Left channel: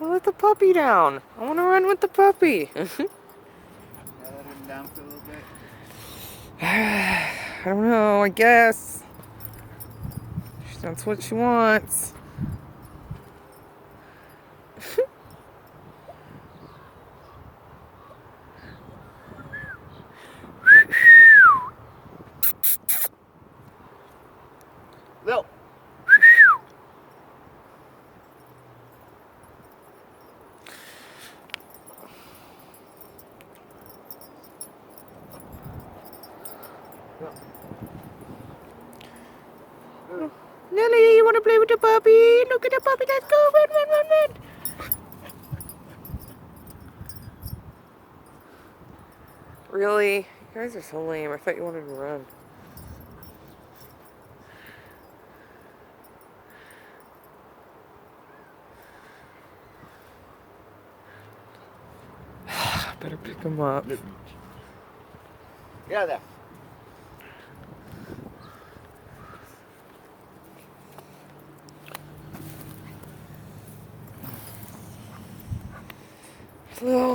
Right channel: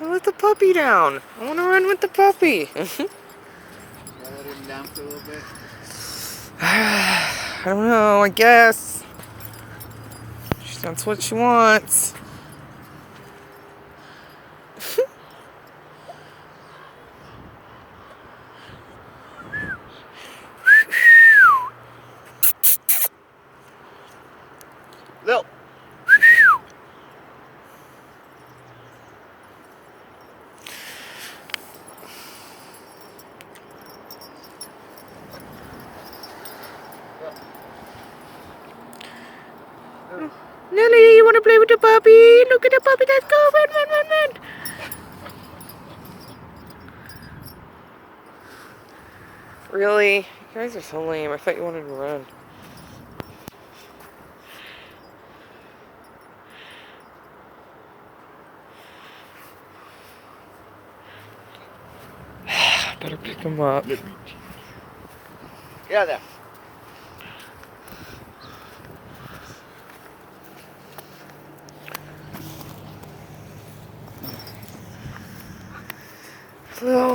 So let the puppy down. I want to run with the puppy. Can I let him down for a little bit? I don't know, I guess. That's what she wants. Lil. Lily, you want to play with the puppy? Look at the puppy. Let's go. Run, run, run, run. Really? You guys are so lame. I thought you wanted to run. Better pick him up. Get out of there. Lil.